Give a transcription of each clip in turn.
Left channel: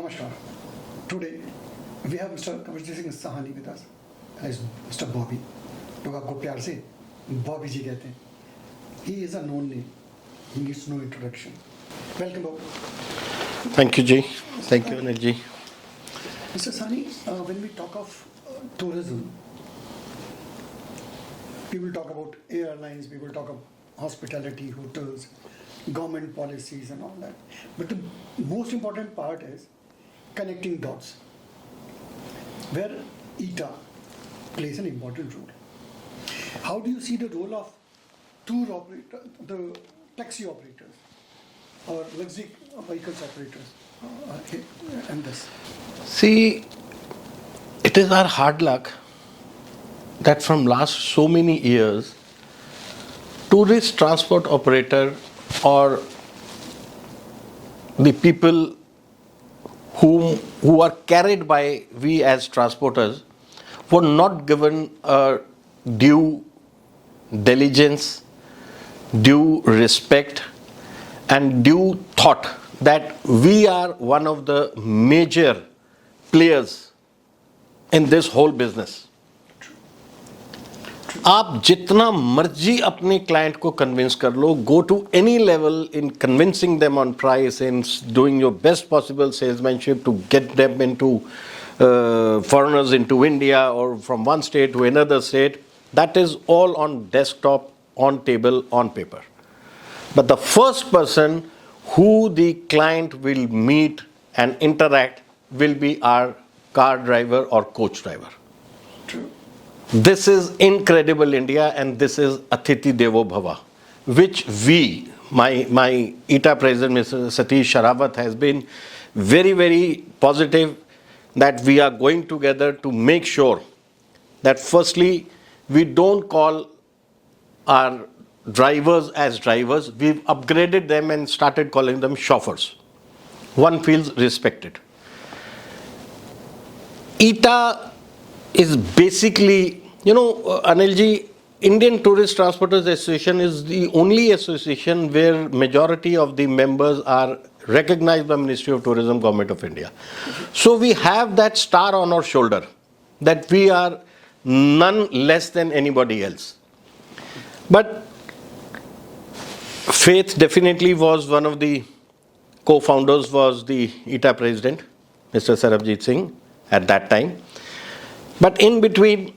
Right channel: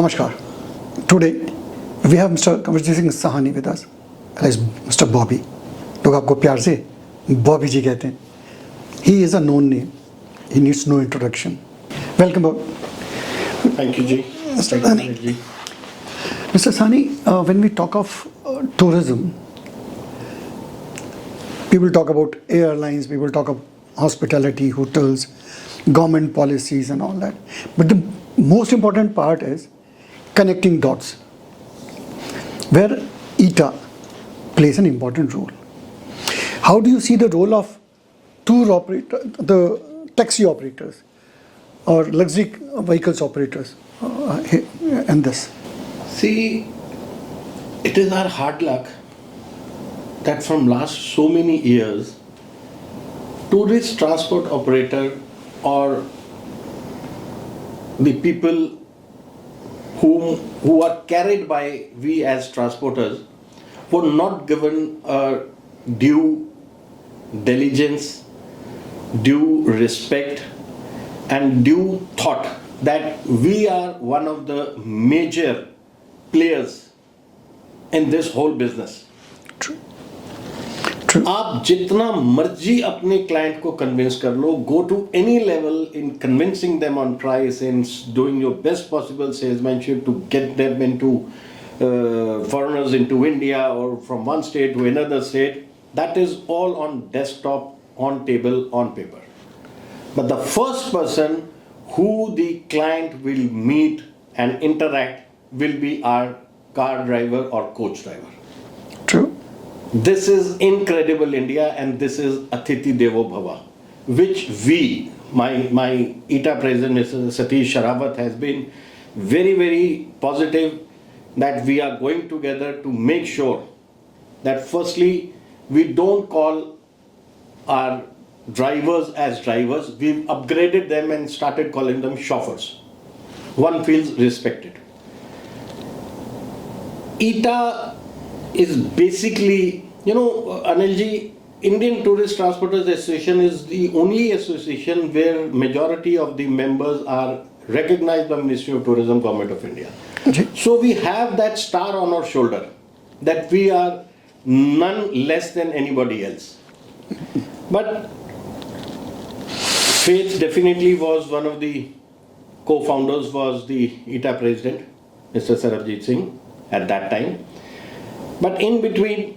Namaskar. Today we have Mr. Kamarjit Singh Sahani with us, as Mr. Bobby. लोग आपको प्यार से बॉबी जी कहते हैं. He is a known name. He needs no introduction. Welcome, Bob. Thank you, Ji. Thank you, Ji. Mr. Sahani, when we talk of tourism, people talk about airlines, people talk of hospitality, hotels, government policies and all that. But the most important part is connecting dots, where ITA plays an important role. How do you see the role of tour operator, the taxi operators or luxury vehicles operators in this? See, it is our hard luck that from last so many years, tourist transport operator or the people who are carried by we as transporters were not given a due diligence, due respect and due thought that we are one of the major players in this whole business. True. आप जितना मर्जी अपने client को convince कर लो, go to any level in convincing them on price, in doing your best possible salesmanship to get them into foreigners into India or from one state to another state. That is all on desktop, on table, on paper. But the first person who the client will meet and interact will be our car driver or coach driver. True. This is incredible India, and this is Atithi Devo Bhava, which we, my ITA president, Mr. Satish Sharawat, has been very, very positive that we are going together to make sure that firstly, we don't call our drivers as drivers. We've upgraded them and started calling them chauffeurs. One feels respected. ITA is basically, Anilji, Indian Tourist Transporters Association is the only association where majority of the members are recognized by Ministry of Tourism, Government of India. So we have that star on our shoulder that we are none less than anybody else. But Faith definitely was one of the co-founders, was the ITA president, Mr. Sarabjit Singh, at that time. But in between,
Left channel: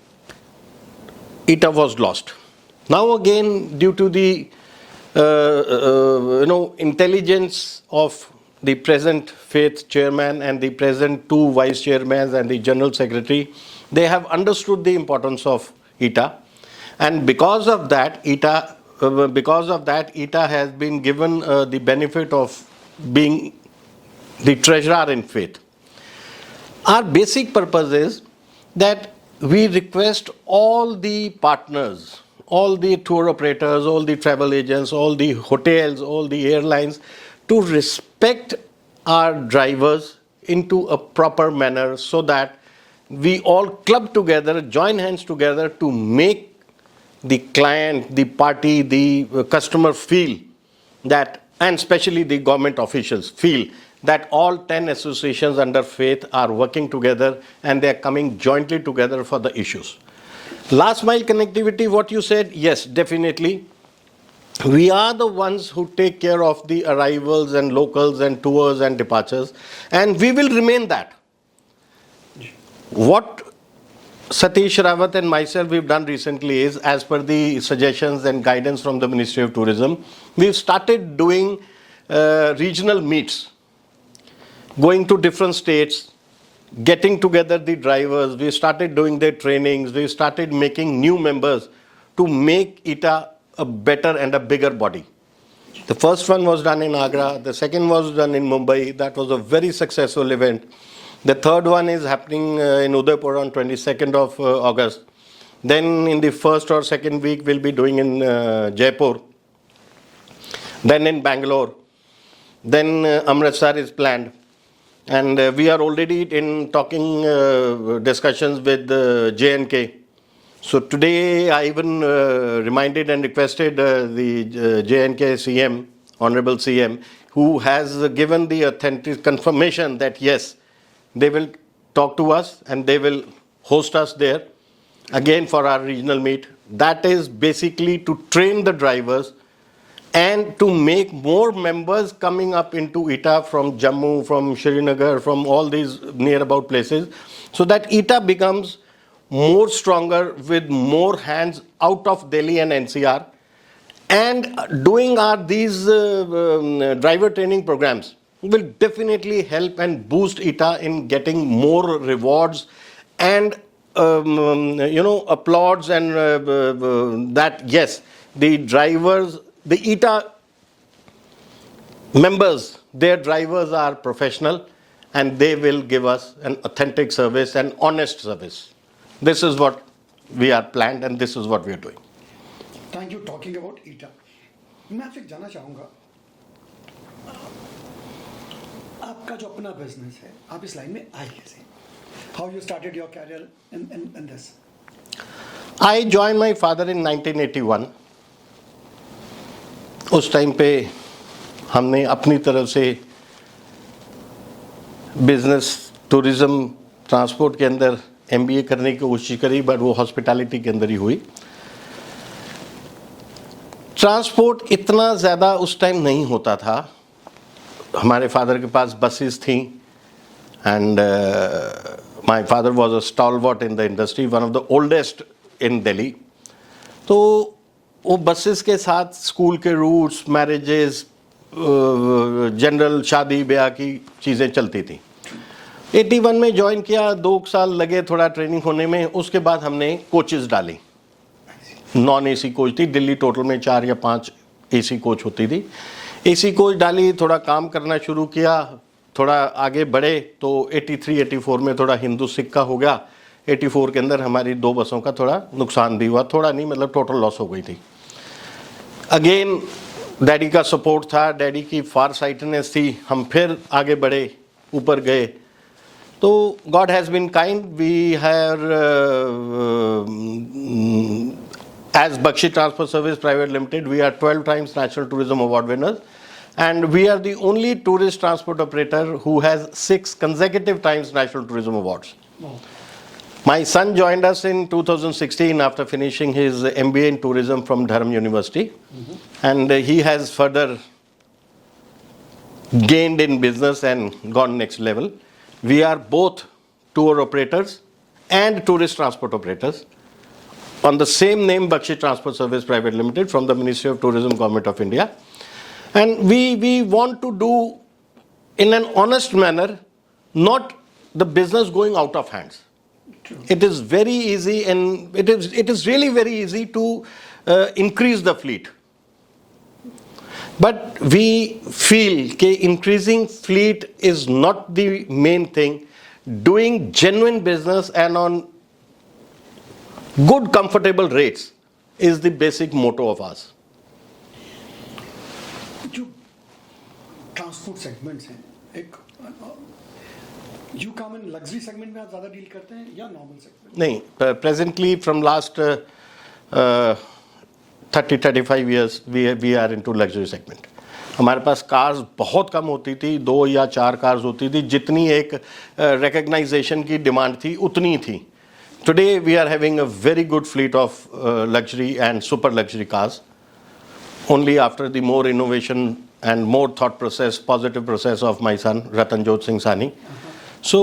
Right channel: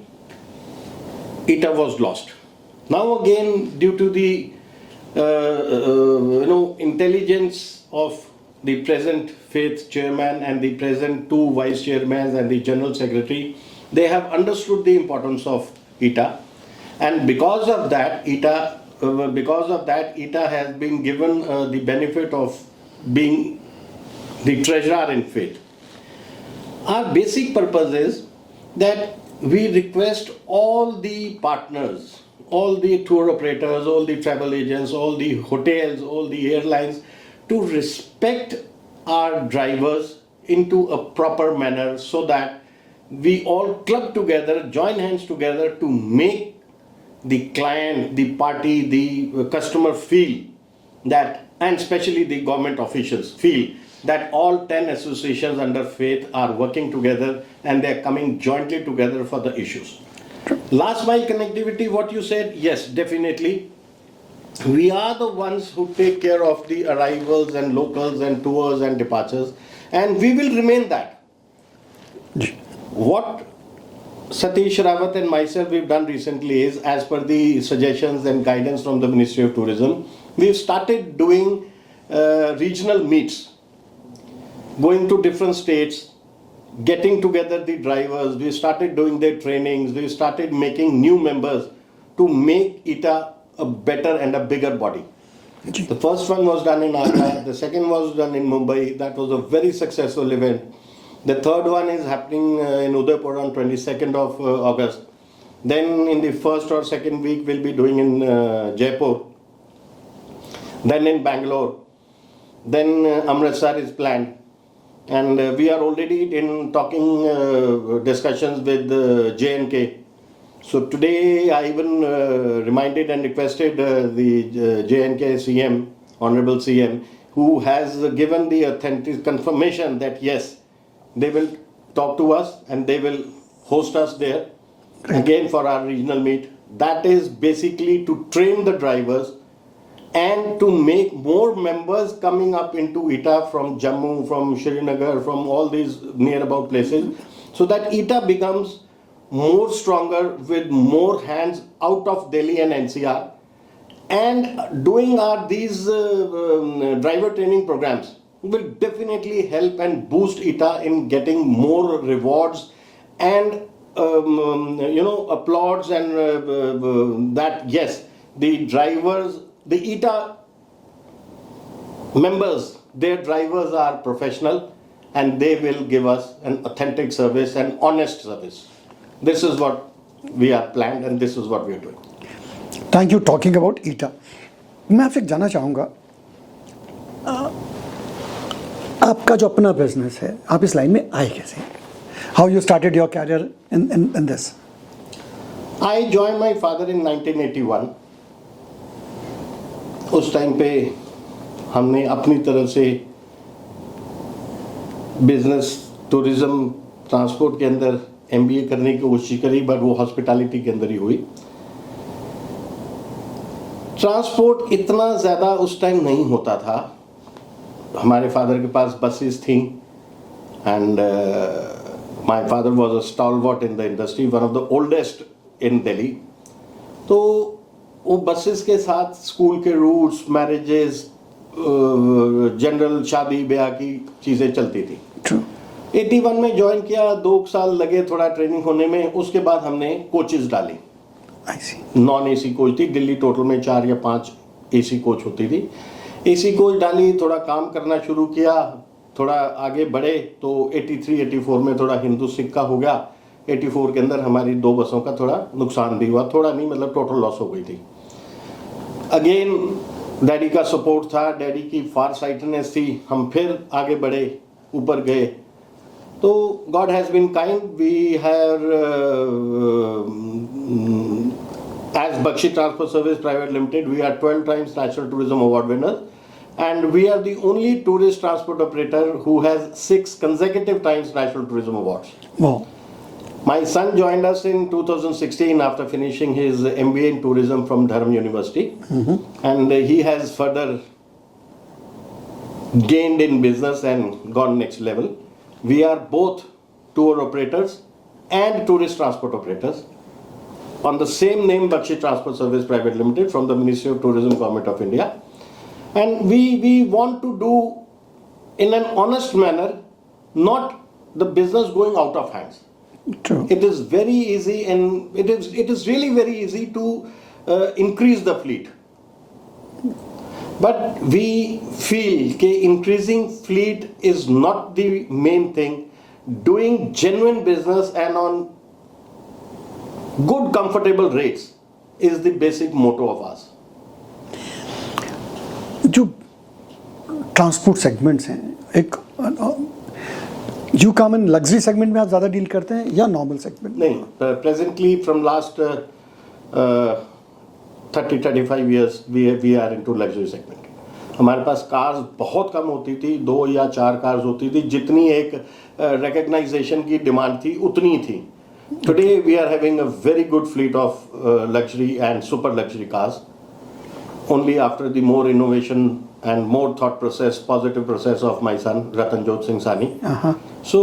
ITA was lost. Now again, due to the intelligence of the present Faith chairman and the present two vice chairmen and the general secretary, they have understood the importance of ITA, and because of that, ITA has been given the benefit of being the treasurer in Faith. Our basic purpose is that we request all the partners, all the tour operators, all the travel agents, all the hotels, all the airlines to respect our drivers into a proper manner so that we all club together, join hands together to make the client, the party, the customer feel that, and especially the government officials feel that all 10 associations under Faith are working together and they are coming jointly together for the issues. Last mile connectivity, what you said, yes, definitely. We are the ones who take care of the arrivals and locals and tours and departures, and we will remain that. What Satish Rawat and myself we've done recently is, as per the suggestions and guidance from the Ministry of Tourism, we've started doing regional meets, going to different states, getting together the drivers. We started doing their trainings. We started making new members to make ITA a better and a bigger body. The first one was done in Agra. The second was done in Mumbai. That was a very successful event. The third one is happening in Udaipur on 22nd of August. Then in the first or second week, we'll be doing in Jaipur. Then in Bangalore. Then Amritsar is planned. And we are already in talking discussions with J&K. So today I even reminded and requested the J&K CM, Honorable CM, who has given the authentic confirmation that yes, they will talk to us and they will host us there again for our regional meet. That is basically to train the drivers and to make more members coming up into ETA from Jammu, from Srinagar, from all these near about places, so that ETA becomes more stronger with more hands out of Delhi and NCR. And doing these driver training programs will definitely help and boost ETA in getting more rewards and applauds and that yes, the drivers, the ETA members, their drivers are professional and they will give us an authentic service and honest service. This is what we are planned and this is what we are doing. Thank you talking about eta. मैं आपसे जानना चाहूँगा, आपका जो अपना business है, आप इस लाइन में आए कैसे? How you started your career in this? I join my father in 1981। उस टाइम पे हमने अपनी तरफ से बिजनेस, टूरिज्म, ट्रांसपोर्ट के अंदर MBA करने की कोशिश करी, बट वो हॉस्पिटैलिटी के अंदर ही हुई। ट्रांसपोर्ट इतना ज़्यादा उस टाइम नहीं होता था। हमारे फादर के पास बसेस थी and my father was a stalwart in the industry, one of the oldest इन दिल्ली। तो वो बसेस के साथ स्कूल के रूट्स, मैरिजेस, जनरल शादी ब्याह की चीज़ें चलती थी। 81 में ज्वाइन किया, 2 साल लगे थोड़ा ट्रेनिंग होने में। उसके बाद हमने कोचेस डाली। नॉन AC कोच थी दिल्ली, टोटल में 4 या 5 AC कोच होती थी। AC कोच डाली, थोड़ा काम करना शुरू किया, थोड़ा आगे बढ़े तो 83-84 में थोड़ा हिंदू सिक्का हो गया। 84 के अंदर हमारी 2 बसों का थोड़ा नुकसान भी हुआ, थोड़ा नहीं मतलब टोटल लॉस हो गई थी। अगेन डैडी का सपोर्ट था, डैडी की फार साइटनेस थी, हम फिर आगे बढ़े, ऊपर गए। तो God has been kind. We have, as Bakshi Transport Service Private Limited, we are 12 times National Tourism Award winners, and we are the only tourist transport operator who has 6 consecutive times National Tourism Awards. Wow. My son joined us in 2016 after finishing his MBA in tourism from Dharam University, and he has further gained in business and gone next level. We are both tour operators and tourist transport operators on the same name, Bakshi Transport Service Private Limited, from the Ministry of Tourism, Government of India. And we want to do in an honest manner, not the business going out of hands. True. It is very easy and it is really very easy to increase the fleet. But we feel that increasing fleet is not the main thing. Doing genuine business and on good, comfortable rates is the basic motto of us. जो transport segments हैं, एक you come in luxury segment में आप ज़्यादा deal करते हैं या normal segment? नहीं, presently from last 30-35 years we are into luxury segment. हमारे पास कार्स बहुत कम होती थी, 2 या 4 कार्स होती थी। जितनी एक रिकग्नाइजेशन की डिमांड थी उतनी थी। Today we are having a very good fleet of luxury and super luxury cars, only after the more innovation and more thought process, positive process of my son Ratanjot Singh Sani. So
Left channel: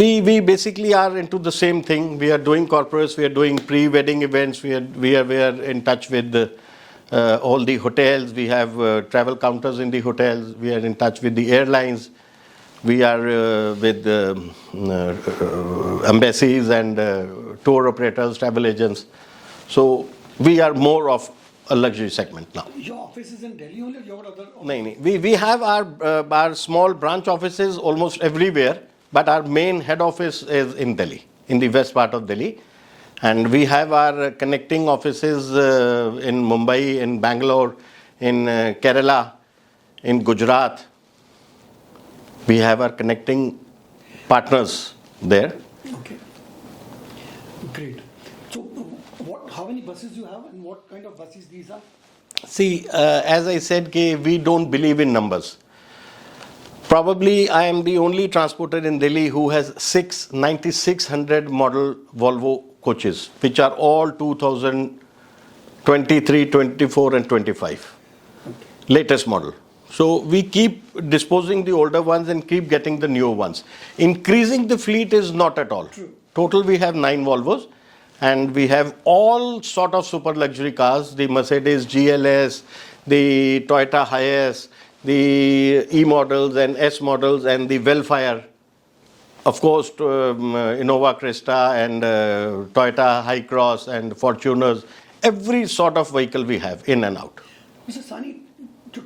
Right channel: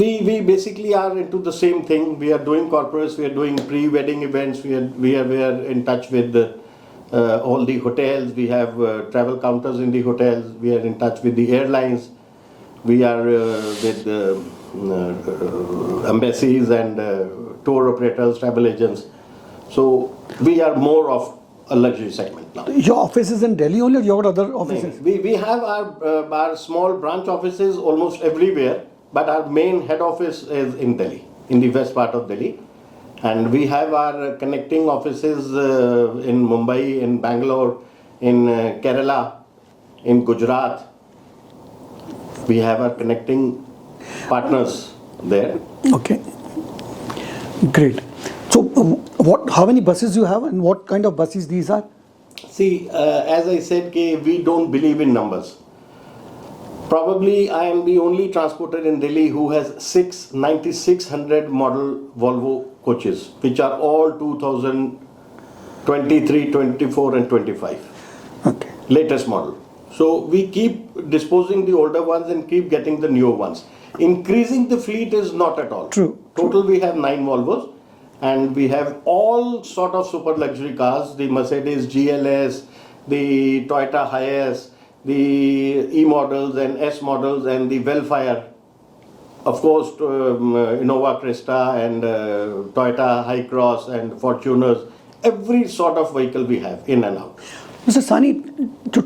we basically are into the same thing. We are doing corporates, we are doing pre-wedding events, we are in touch with all the hotels. We have travel counters in the hotels. We are in touch with the airlines. We are with embassies and tour operators, travel agents. So we are more of a luxury segment now. Your office is in Delhi only, or you have other offices? We have our small branch offices almost everywhere, but our main head office is in Delhi, in the west part of Delhi. And we have our connecting offices in Mumbai, in Bangalore, in Kerala, in Gujarat. We have our connecting partners there. Okay, great. So, how many buses you have, and what kind of buses these are? See, as I said, we don't believe in numbers. Probably I am the only transporter in Delhi who has 9600 model Volvo coaches, which are all 2023, 24 and 25. Okay. Latest model. So we keep disposing the older ones and keep getting the newer ones. Increasing the fleet is not at all. True. Total we have 9 Volvos and we have all sort of super luxury cars, the Mercedes GLS, the Toyota Hiace, the E models and S models and the Velfire. Of course, Innova Cresta and Toyota Hi-Cross and Fortuners, every sort of vehicle we have in and out. Mr. Sani, जो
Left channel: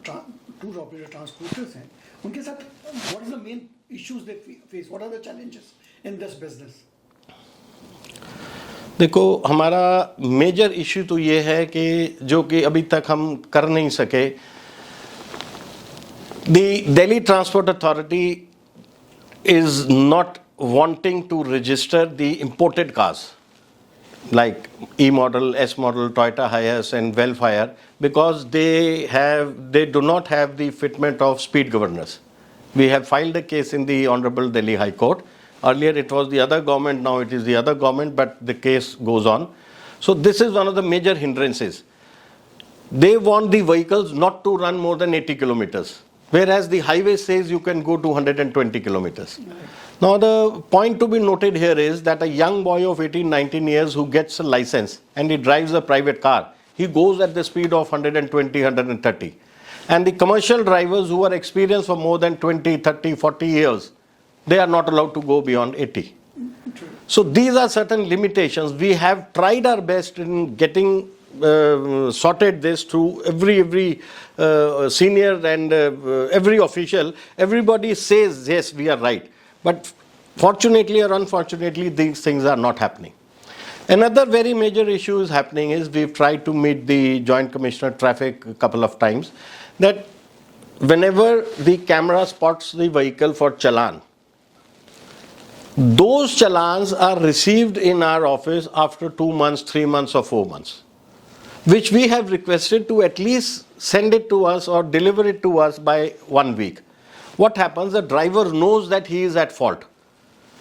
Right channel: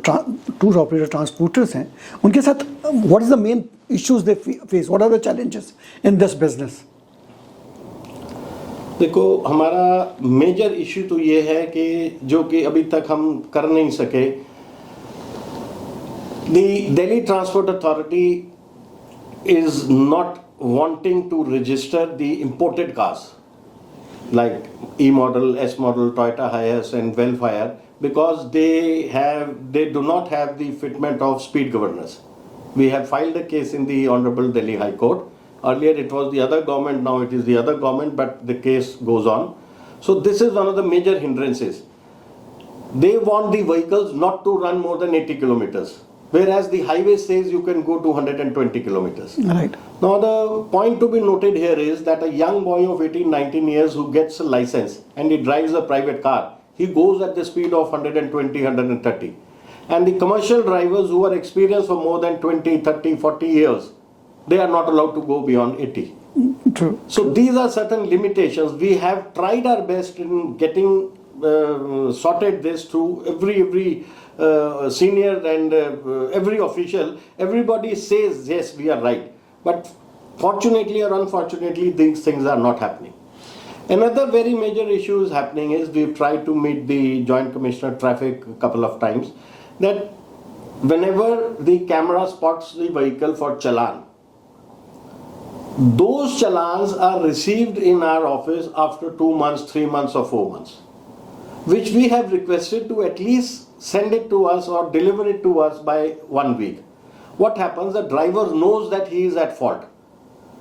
tour operator transporters हैं, उनके साथ what is the main issues they face? What are the challenges in this business? देखो हमारा major issue तो ये है कि जो कि अभी तक हम कर नहीं सके. The Delhi Transport Authority is not wanting to register the imported cars like E model, S model, Toyota Hiace and Velfire because they do not have the fitment of speed governors. We have filed a case in the Honorable Delhi High Court. Earlier it was the other government, now it is the other government, but the case goes on. So this is one of the major hindrances. They want the vehicles not to run more than 80 kilometers. Whereas the highway says you can go to 120 kilometers. Right. Now the point to be noted here is that a young boy of 18, 19 years who gets a license and he drives a private car, he goes at the speed of 120, 130. And the commercial drivers who are experienced for more than 20, 30, 40 years, they are not allowed to go beyond 80. True. So these are certain limitations. We have tried our best in getting sorted this through every senior and every official. Everybody says yes, we are right, but fortunately or unfortunately these things are not happening. Another very major issue is happening is we've tried to meet the Joint Commissioner Traffic a couple of times that whenever the camera spots the vehicle for challan, those challans are received in our office after 2 months, 3 months or 4 months, which we have requested to at least send it to us or deliver it to us by 1 week. What happens, the driver knows that he is at fault.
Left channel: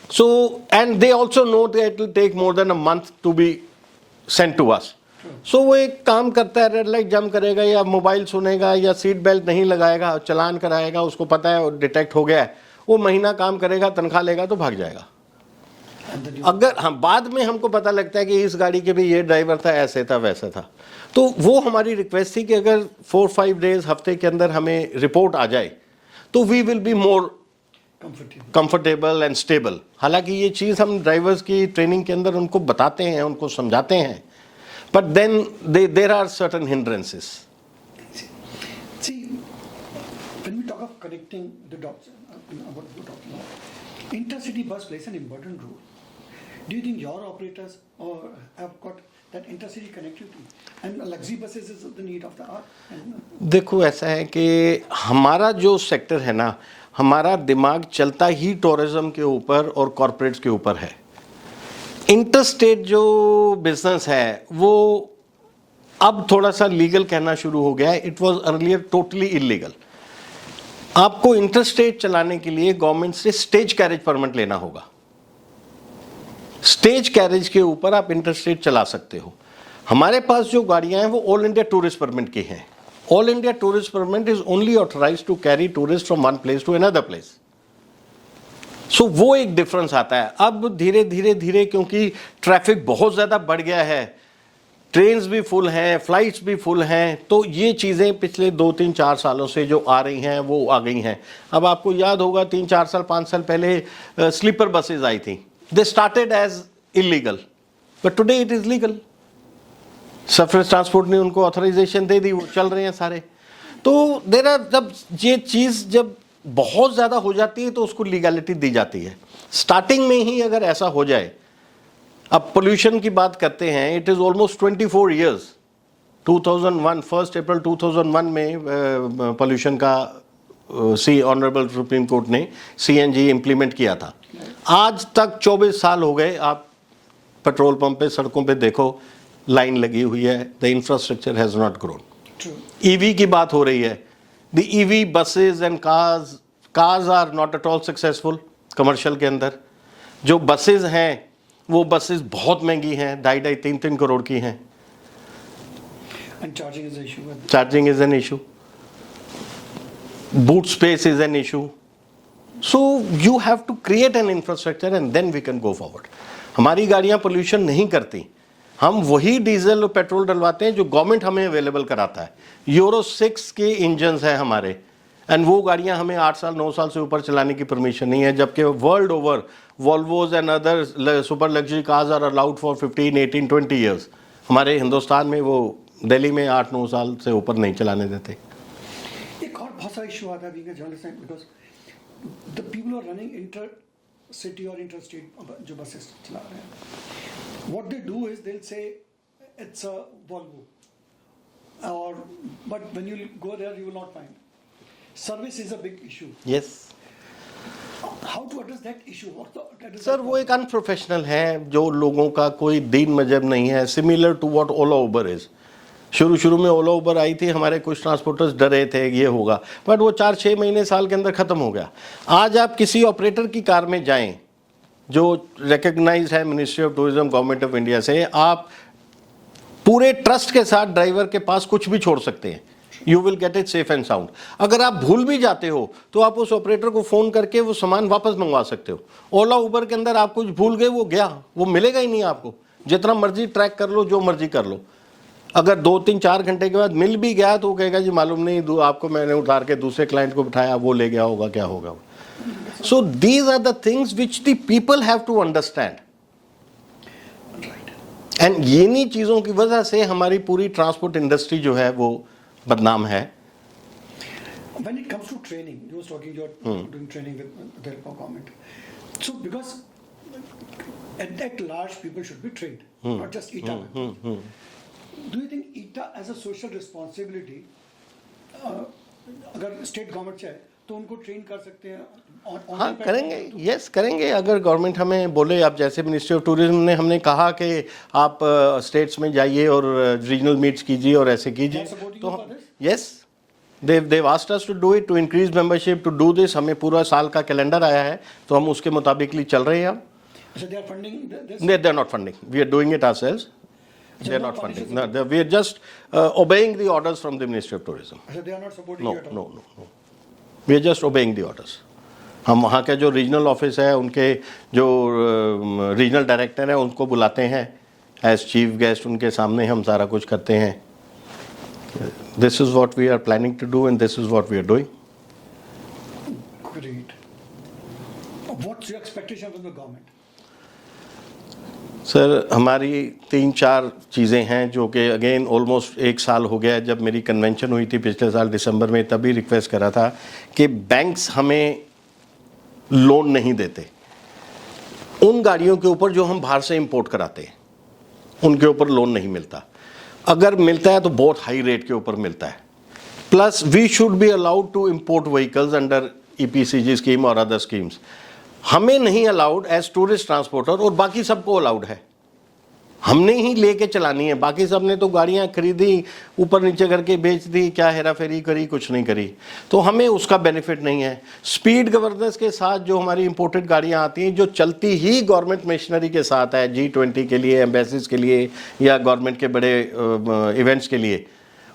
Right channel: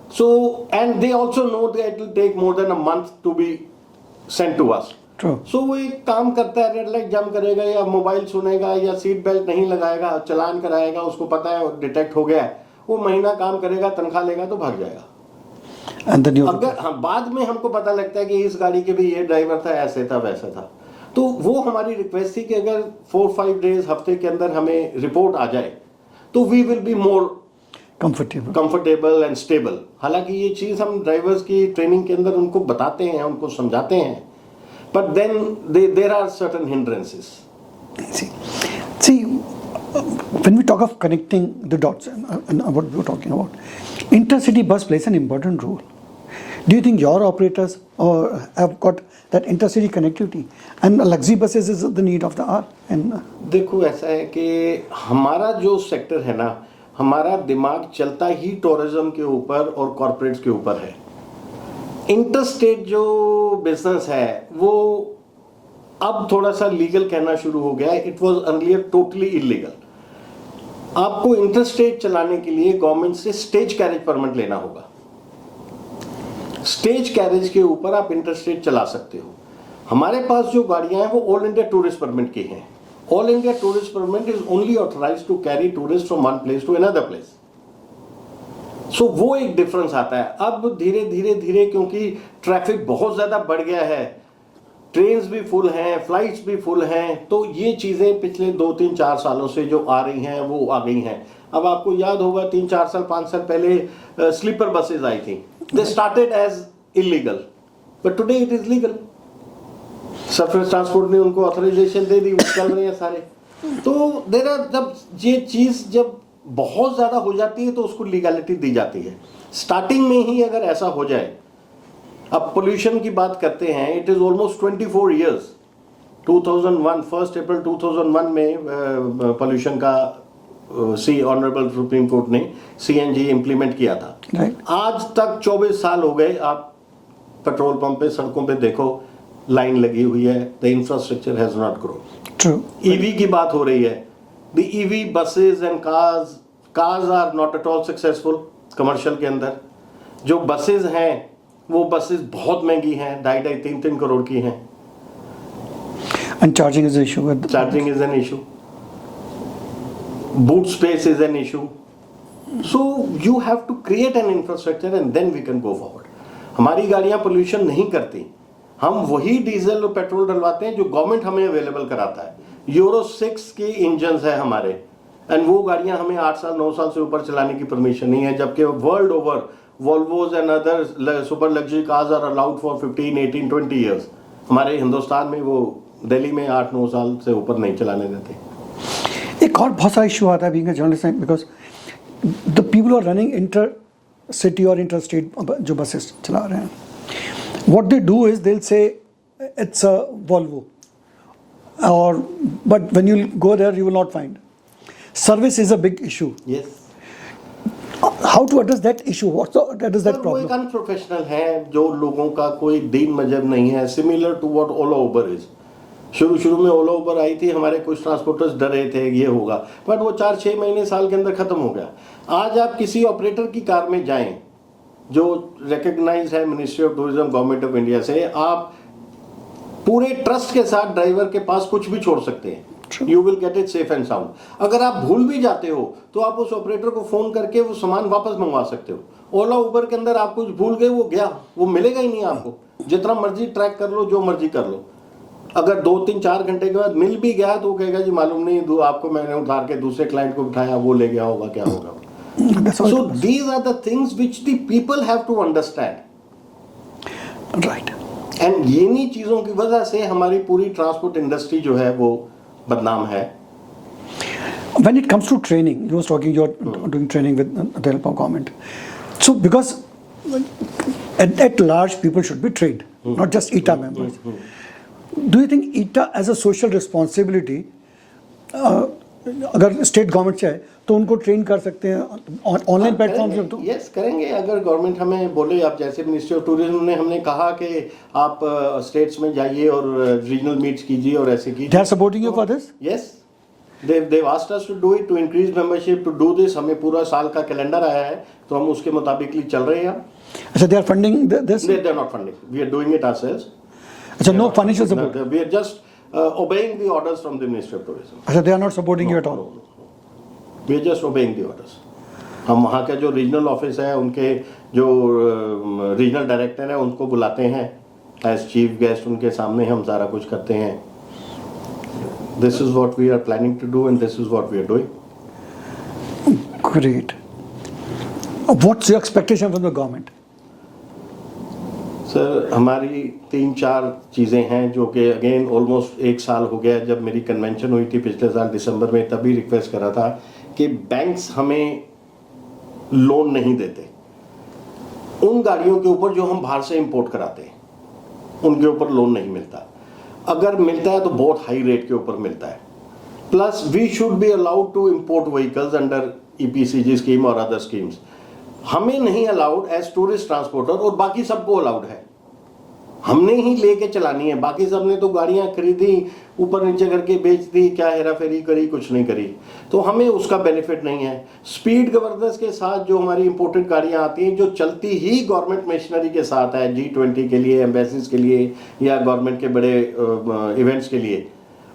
So, and they also know that it will take more than a month to be sent to us. True. So वो एक काम करता है, red light jump करेगा या mobile सुनेगा या seat belt नहीं लगाएगा, चलान कराएगा, उसको पता है डिटेक्ट हो गया है, वो महीना काम करेगा, तनख्वाह लेगा तो भाग जाएगा. अगर हम बाद में हमको पता लगता है कि इस गाड़ी के भी ये ड्राइवर था, ऐसे था, वैसे था, तो वो हमारी रिक्वेस्ट थी कि अगर 4-5 डेज हफ्ते के अंदर हमें रिपोर्ट आ जाए तो we will be more comfortable and stable. हालांकि ये चीज़ हम ड्राइवर्स की ट्रेनिंग के अंदर उनको बताते हैं, उनको समझाते हैं, but then there are certain hindrances. See, when we talk of connecting the dots and what we were talking about, intercity bus plays an important role. Do you think your operators have got that intercity connectivity and luxury buses is the need of the hour? देखो ऐसा है कि हमारा जो sector है ना, हमारा दिमाग चलता ही टूरिज्म के ऊपर और कॉर्पोरेट्स के ऊपर है. इंटरस्टेट जो बिजनेस है वो अब थोड़ा सा लीगल कहना शुरू हो गया है. It was earlier totally illegal. आपको इंटरस्टेट चलाने के लिए गवर्नमेंट से स्टेज कैरेज परमिट लेना होगा. स्टेज कैरेज के ऊपर आप इंटरस्टेट चला सकते हो. हमारे पास जो गाड़ियां हैं वो ऑल इंडिया टूरिस्ट परमिट की हैं. All India tourist permit is only authorised to carry tourist from one place to another place. So वो एक डिफरेंस आता है. अब धीरे धीरे धीरे क्योंकि ट्रैफिक बहुत ज्यादा बढ़ गया है, ट्रेन्स भी फुल हैं, फ्लाइट्स भी फुल हैं, तो ये चीज़ें पिछले 2-3-4 सालों से जो आ रही हैं वो आ गई हैं. अब आपको याद होगा 3-4 साल 5 साल पहले स्लीपर बसेज आई थी. They started as illegal but today it is legal. Surface transport ने उनको ऑथराइजेशन दे दी, वो चल रहे हैं सारे. तो देर आर, जब ये चीज़ जब बहुत ज़्यादा हो जाती है तो उसको लीगलिटी दी जाती है. स्टार्टिंग में ही अगर ऐसा हो जाए, अब पोल्यूशन की बात करते हैं, इट इज ऑलमोस्ट 24 इयर्स. 2001 1 अप्रैल 2001 में पोल्यूशन का ऑनरेबल सुप्रीम कोर्ट ने CNG इंप्लीमेंट किया था. आज तक 24 साल हो गए. आप पेट्रोल पंप पे, सड़कों पे देखो, लाइन लगी हुई है. The infrastructure has not grown. True. EV की बात हो रही है. The EV buses and cars are not at all successful commercial के अंदर. जो बसेस हैं वो बसेस बहुत महंगी हैं, 2.5-3 करोड़ की हैं. And charging is an issue. Charging is an issue. Boot space is an issue. So you have to create an infrastructure and then we can go forward. हमारी गाड़ियां पोल्यूशन नहीं करती. हम वही डीजल और पेट्रोल डलवाते हैं जो गवर्नमेंट हमें अवेलेबल कराता है. यूरो 6 के इंजन्स हैं हमारे, एंड वो गाड़ियां हमें 8 साल 9 साल से ऊपर चलाने की परमिशन नहीं है, जबकि world over Volvos and other super luxury cars are allowed for 15, 18, 20 years. हमारे हिंदुस्तान में वो दिल्ली में 8-9 साल से ऊपर नहीं चलाने देते. एक और बहुत सारा इशू आता है being a journalist, because the people are running inter city और इंटर स्टेट जो बसेस चला रहे हैं, what they do is they will say it's a Volvo, और but when you go there you will not find service is a big issue. Yes. How to address that issue? What is that वो एक problem? Unprofessional है, जो लोगों का कोई दीन मजहब नहीं है. Similar to what Ola Uber is. शुरू में ओला उबर आई थी, हमारे कुछ ट्रांसपोर्टर्स डरे थे ये होगा, बट वो 4-6 महीने साल के अंदर खत्म हो गया. आज आप किसी ऑपरेटर की कार में जाएं जो रिकग्नाइज्ड है ministry of tourism government of India से, आप पूरे ट्रस्ट के साथ ड्राइवर के पास कुछ भी छोड़ सकते हैं. You will get it safe and sound. अगर आप भूल भी जाते हो तो आप उस ऑपरेटर को फोन करके वो सामान वापस मंगवा सकते हो. ओला उबर के अंदर आप कुछ भूल गए, वो गया, वो मिलेगा ही नहीं आपको. जितना मर्जी ट्रैक कर लो, जो मर्जी कर लो, अगर 2-3-4 घंटे के बाद मिल भी गया तो वो कहेगा जी मालूम नहीं, आपको मैंने उतार के दूसरे क्लाइंट को बिठाया, वो ले गया होगा, क्या होगा. So these are the things which the people have to understand. Right. And इन्हीं चीजों की वजह से हमारी पूरी ट्रांसपोर्ट इंडस्ट्री जो है वो बदनाम है. When it comes to training, you was talking you're doing training with the help of government. So because at large people should be trained, not just ETA members. Do you think ETA as a social responsibility, अगर state government चाहे तो उनको train कर सकते हैं online platform पे? तो yes करेंगे. अगर गवर्नमेंट हमें बोले, आप जैसे मिनिस्ट्री ऑफ टूरिज्म ने हमने कहा कि आप स्टेट्स में जाइए और रीजनल मीट्स कीजिए और ऐसे कीजिए. They are supporting you for this? Yes. They've asked us to do it, to increase membership, to do this. हमें पूरा साल का कैलेंडर आया है तो हम उसके मुताबिक ही चल रहे हैं. अच्छा, they are funding this? They're not funding. We are doing it ourselves. अच्छा, no financial support. No, we are just obeying the orders from the Ministry of Tourism. अच्छा, they are not supporting you at all. No. We are just obeying the orders. हम वहाँ के जो regional office है, उनके जो regional director हैं, उनको बुलाते हैं एज चीफ गेस्ट. उनके सामने हम सारा कुछ करते हैं. This is what we are planning to do and this is what we are doing. Great. What's your expectation from the government? Sir, हमारी 3-4 चीज़ें हैं जो कि अगेन ऑलमोस्ट 1 साल हो गया जब मेरी कन्वेंशन हुई थी पिछले साल दिसंबर में, तभी रिक्वेस्ट करा था कि बैंक्स हमें लोन नहीं देते उन गाड़ियों के ऊपर जो हम बाहर से इंपोर्ट कराते हैं. उनके ऊपर लोन नहीं मिलता. अगर मिलता है तो बहुत हाई रेट के ऊपर मिलता है. Plus we should be allowed to import vehicles under EPCG scheme और अदर स्कीम्स. हमें नहीं अलाउड एज टूरिस्ट ट्रांसपोर्टर, और बाकी सबको अलाउड है. हमने ही लेके चलानी है. बाकी सबने तो गाड़ियां खरीदी, ऊपर नीचे करके बेच दी, क्या हेरा फेरी करी, कुछ नहीं करी. तो हमें उसका बेनिफिट नहीं है. स्पीड गवर्नेंस के साथ जो हमारी इंपोर्टेड गाड़ियां आती हैं, जो चलती ही गवर्नमेंट मशीनरी के साथ है, G20 के लिए, एम्बेसीज के लिए या गवर्नमेंट के बड़े इवेंट्स के लिए,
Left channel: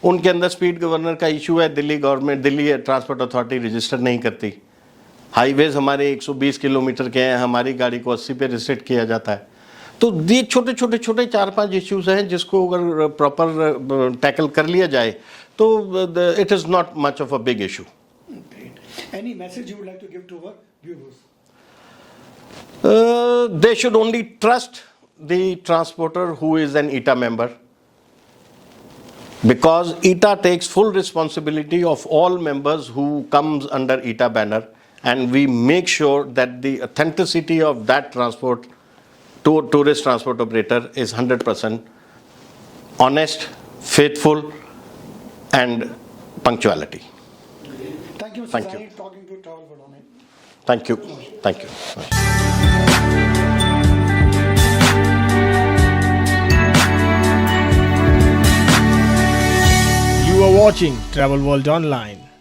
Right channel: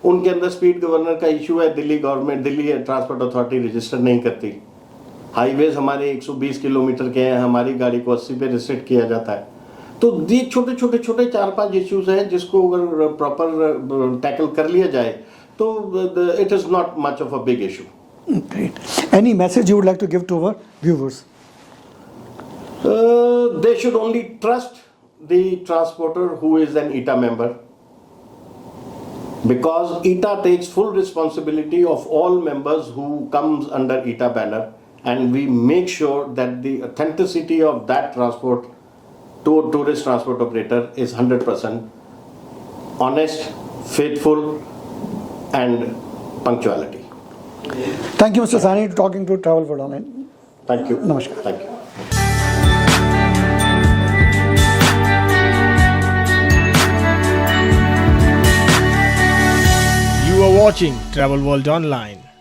उनके अंदर स्पीड गवर्नर का इशू है. Delhi government, Delhi transport authority register नहीं करती. हाईवेज हमारे 120 किलोमीटर के हैं, हमारी गाड़ी को 80 पे रिस्ट्रिक्ट किया जाता है. तो ये छोटे 4-5 इश्यूज हैं जिसको अगर प्रॉपर टैकल कर लिया जाए तो it is not much of a big issue. Great. Any message you would like to give to our viewers? They should only trust the transporter who is an ETA member, because ETA takes full responsibility of all members who comes under ETA banner, and we make sure that the authenticity of that transport to tourist transport operator is 100% honest, faithful and punctuality. Thank you, Mr. Sani, talking to Travel World Online. Thank you. Namaskar. Thank you. You You are watching Travel World Online.